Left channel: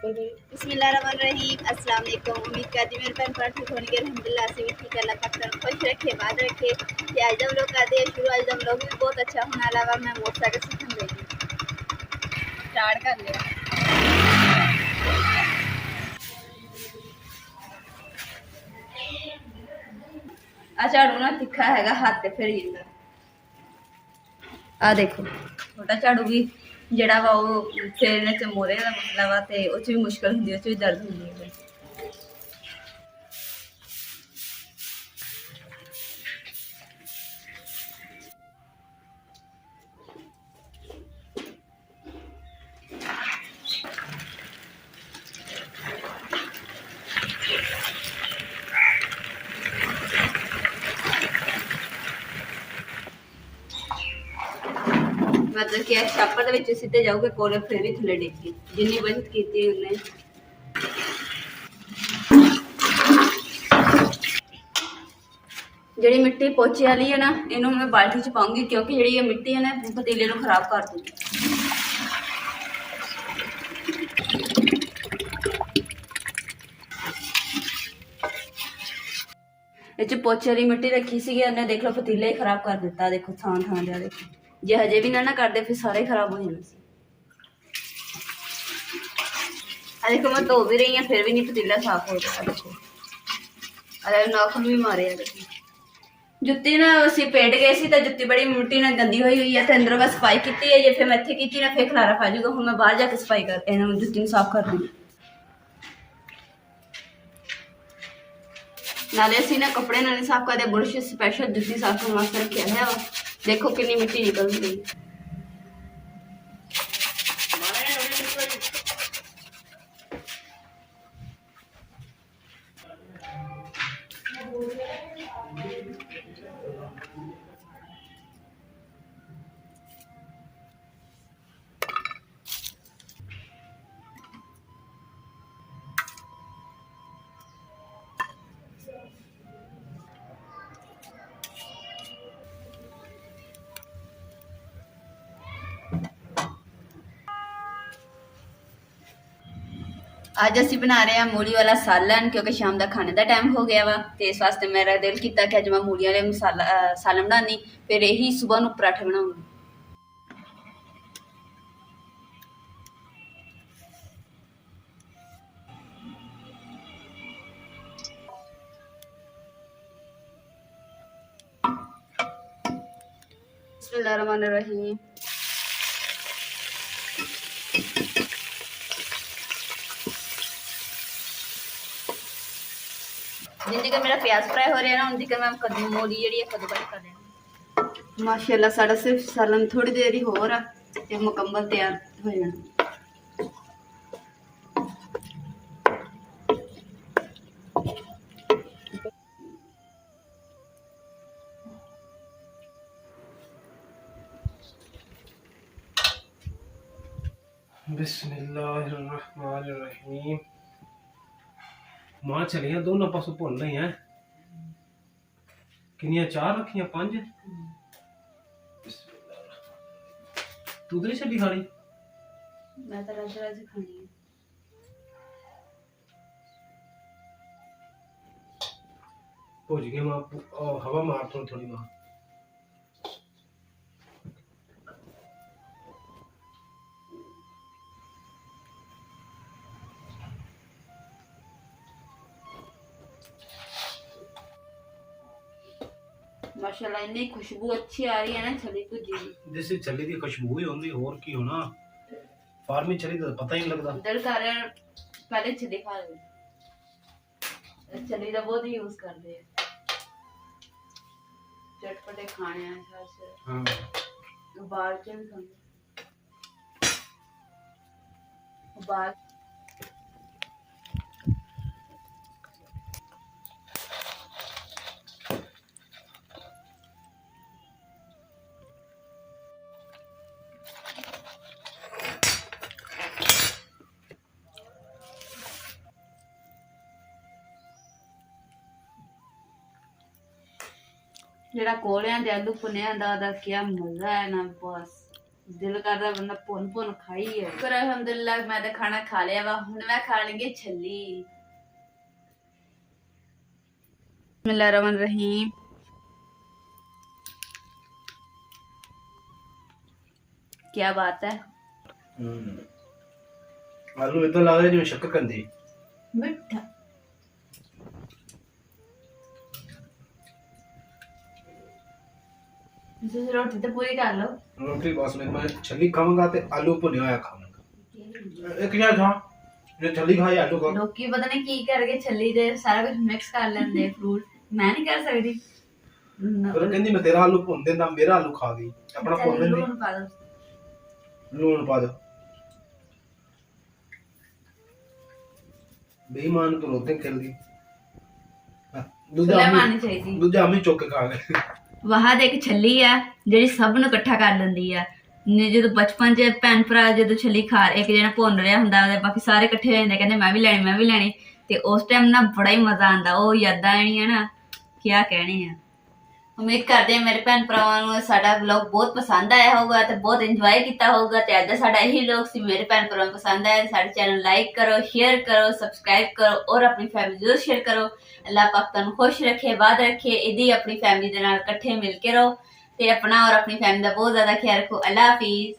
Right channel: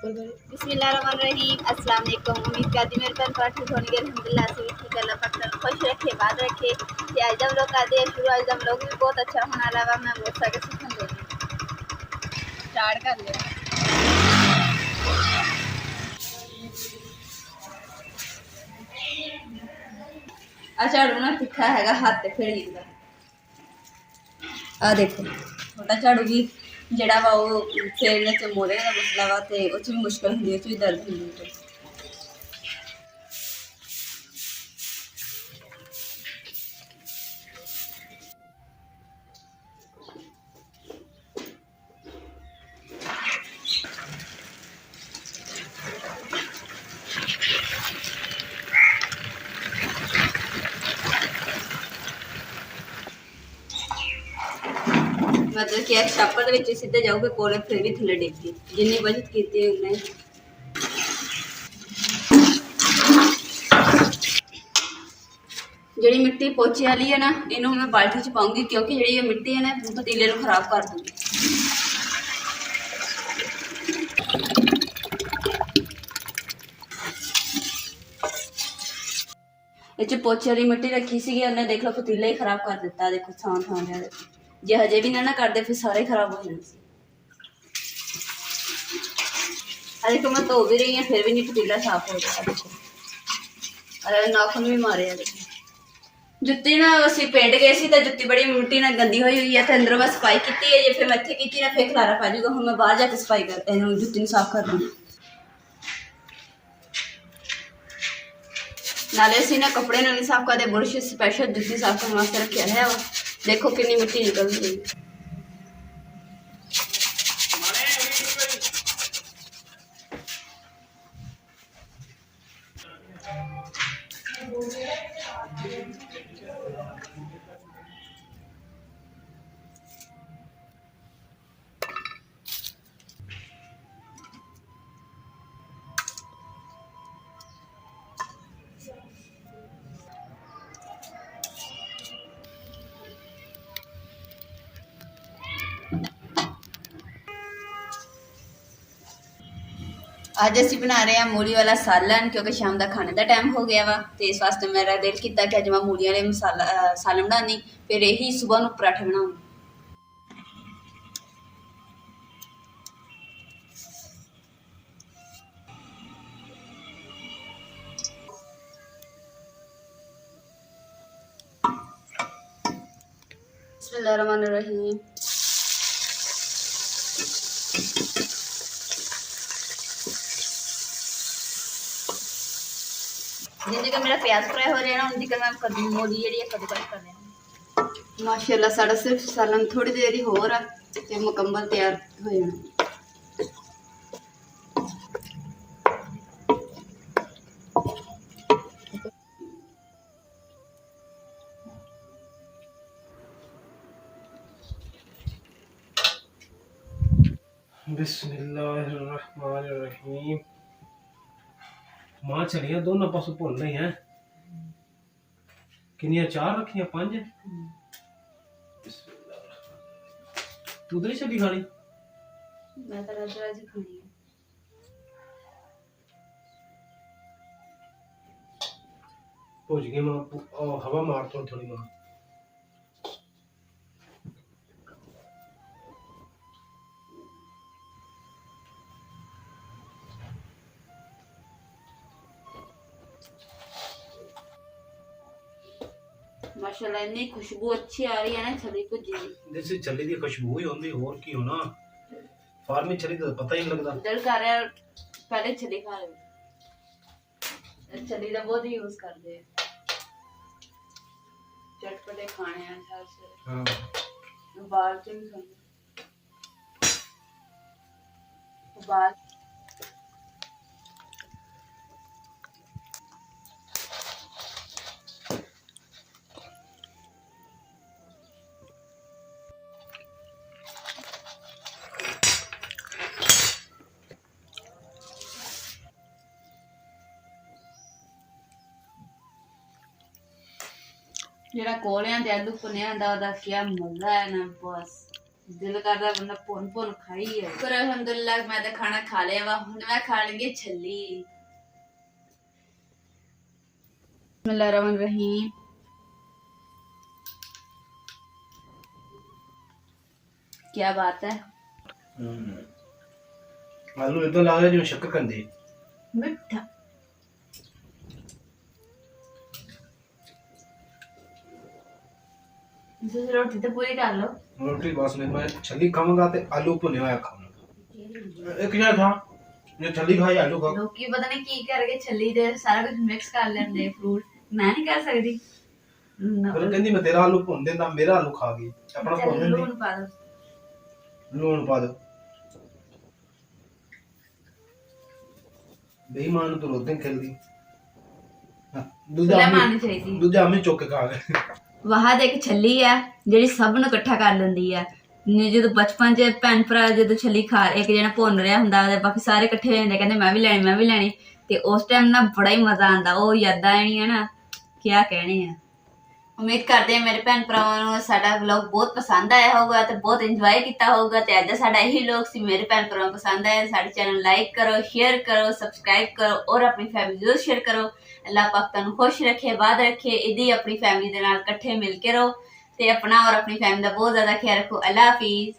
बिस्मिल्लाहिर्रहमानिर्रहीम। अस्सलाम वालेकुम। उम्मीद करती मेरे पैन पाठ ठीक होने के अल्हम्दुलिल्लाह से भी ठीक। अल्लाह पाक तन खुश रखे, बात रखे कि आज हम लोग का दे शुरू। आज हम लोग भी बहुत अच्छा होने अलावा मैं मोटरसाइकिल सीखने लगी स्टार्ट कर लिया। झाड़ू ना तिखा हैगा हाथ ते फिर जिंदा आ देखो छोटा झाड़ू भी जड़ा वा वो फेरने च मोहरे का मसला वा ते उस भी मुश्किल होंदी, उस भी दर्द होंदी है। मतलब कि छापर के सीधे जाओगे कोले फिर भी थले डिग गई जिन्नी बचत की उन्हें। जी मिट्टी पोचे वाली है ना, इनू मैं बाल्टी च पाऊंगी क्योंकि जी ये मिट्टी है ना पतीले को खराब कर दूंगी। इस पोचे वाली मिट्टी रखी सी उन्हें देख लो पतीले ही खराब कर दिता। देखो थान थान दिया देखो, जे हजे भी ना करते फिर सारे खराब हो जाने। देखो मैं धो भी रही हूँ फिर भी नहीं पतीला साफ हो रहा। देखो अरे नाखून भी मारे। देखो जुत्ती ना असी पेंट गए सी तो जुत्ती बड़ी मिट्टी ना गंदी हुई हुई है तो अंदर बस सफाई की है। ये फिर मैं इतने की ना फिर खलारा पै जाऊगा। हूँ मैं बाहर जाके सफाई कर जुत्ती साफ कर दूँ। नाले असी ना कपड़े ना नहीं साफ करते, बुरश स्पैशल जुत्ती साफ करने वास्ते रखे है। देखो कितनी मिट्टी निकल रही। अज असी बना रहे हैं मूली वाला सालन क्योंकि शाम का खाने का टाइम हो गया वा। तो इस वास्ते मेरा दिल किया कि अज मैं मूली वाले मसाला सालन बनानी, फिर यही सुबह को पराठे बनाऊंगी। बिस्मिल्लाहिर्रहमानिर्रहीम। जिंदी का मेरा प्याज फ्राई हो रहा है ना उनकी मैं कद्दू मूली जी कद्दूकस कर लेना। माशाल्लाह साढ़ा सिर्फ सालन थोड़ी देर ही होर ते मुकम्मल तैयार हो जाना। बिस्मिल्लाहिर्रहमानिर्रहीम। मां चलिया दोनों पासों भुन ही है। किनिया चार रखियां पांच। तू तो नहीं चली खानी? मैं तो रज रज खानी है। भुज गई मां, हवा मार थोड़ी थोड़ी मां। माशाल्लाह इतनी खुशबू अच्छी आ रही है ना छली भुजी की। जैसे छली की खुशबू ही होती और की होना। फार्मी छली तो पता ही नहीं लगता। दिल कर रहा है पहले छली खा ले। छली का बहुत यूज करते हैं चटपटे खाने हैं खास। हां उबाल के भी खाते उबाल। जरा कोलियां दे आलू भुने दा क्या मजा है ना, बस ਦਿਲ ਕਰਦਾ ਬੰਦਾ ਭੁੰਨ ਖਾਈ ਹੈ। ਪਰ ਅਲਹਮਦੁਲਿਲਾ ਮੈਂ ਤਾਂ ਖਾਣਾ ਖਾ ਲਿਆ ਵਾ, ਹੁਣ ਮੈਂ ਖਾ ਲਵਾਂਗੀ ਛੱਲੀ। ਬਿਸਮਿल्लाहिर्रहमानिर्रहीम। क्या बात है। आलू इतना लग रहा है जिवें शक्कर कंदी। मिठा रोटी तो पूरी कर लो। रोटी बस मैं छली खाऊंगा ते आलू भुने होया खाऊंगा। एक यार खा ने छली खाई आलू खा। लोकी पता नहीं की करके छली दे सारा कुछ मिक्स कर लेंदे फ्रूट, मैं नहीं कर सकती। फिर कहंदी मैं तेरा आलू भुन देंदा, मेरा आलू खा गई। अपना भुन लेंदी। लून पा दो, लून पा दो। बेईमान तो रोते खेल गई। सुलह मारनी चाहिए। दूजा हमें चुक के खा गए। ਵਾਹ ਦੇ ਇੱਕ ਛੱਲੀ ਆ ਜਿਹੜੀ ਸਭ ਨੂੰ ਇਕੱਠਾ ਕਰ ਲੈਂਦੀ ਆ। ਜਦੋਂ ਬਚਪਨ 'ਚ ਭੈਣ ਭਰਾ ਜਦੋਂ ਛੱਲੀ ਖਾ ਇੱਕ ਜਣਾ ਭੁੰਨ ਰਿਹਾ ਹੁੰਦਾ ਤੇ ਬਾਕੀ ਸਾਰੇ ਇਕੱਠੇ ਹੋ ਜਾਂਦੇ ਕਹਿੰਦੇ ਮੈਂ ਵੀ ਲੈਣੀ ਤੇ ਉਸ ਟਾਈਮ ਨਾ ਬੜਾ ਹੀ ਮਜ਼ਾ ਆਉਂਦਾ। ਉਹ ਯਾਦਾਂ ਆਣੀਆਂ ਨਾ ਕਿਆ ਕਹਿਣੇ ਆ। ਉਮੀਦ ਕਰਦੇ ਹਾਂ ਮੇਰੇ ਭੈਣ ਭਰਾਵਾਂ ਨੂੰ ਸਾਡਾ ਵਲੌਗ ਬਹੁਤ ਪਸੰਦ ਆਇਆ ਹੋਊਗਾ ਤੇ ਬਹੁਤ ਇੰਜੋਏ ਕੀਤਾ ਹੋਊਗਾ। ਤੇ ਅੱਜ ਸਾਡਾ ਇਹੀ ਵਲੌਗ ਸੀ। ਮੇਰੇ ਭੈਣ ਭਰਾਵਾਂ ਨੂੰ ਪਸੰਦ ਆਇਆ ਸਾਡੇ ਚੈਨਲ ਲਾਈਕ ਕਰੋ, ਸ਼ੇਅਰ ਕਰੋ, ਸਬਸਕ੍ਰਾਈਬ ਕਰੋ ਔਰ ਆਪਣੀ ਫੈਮਿਲੀ ਜ਼ਰੂਰ ਸ਼ੇਅਰ ਕਰੋ। ਅੱਲਾਹ ਪਾਕ ਤੁਹਾਨੂੰ ਖੁਸ਼ ਰੱਖੇ, ਬਾਦ ਰੱਖੇ। ਇਦੀ ਆਪਣੀ ਫੈਮਿਲੀ ਦੇ ਨਾਲ ਇਕੱਠੇ ਮਿਲ ਕੇ ਰਹੋ ਤੇ ਆਪਣਾ ਔਰ ਆਪਣੀ ਫੈਮਿਲੀ ਦਾ ਬਹੁਤ ਜ਼ਿਆਦਾ ਖਿਆਲ ਰੱਖੋ। ਅੱਲਾਹ ਹਾਫਿਜ਼।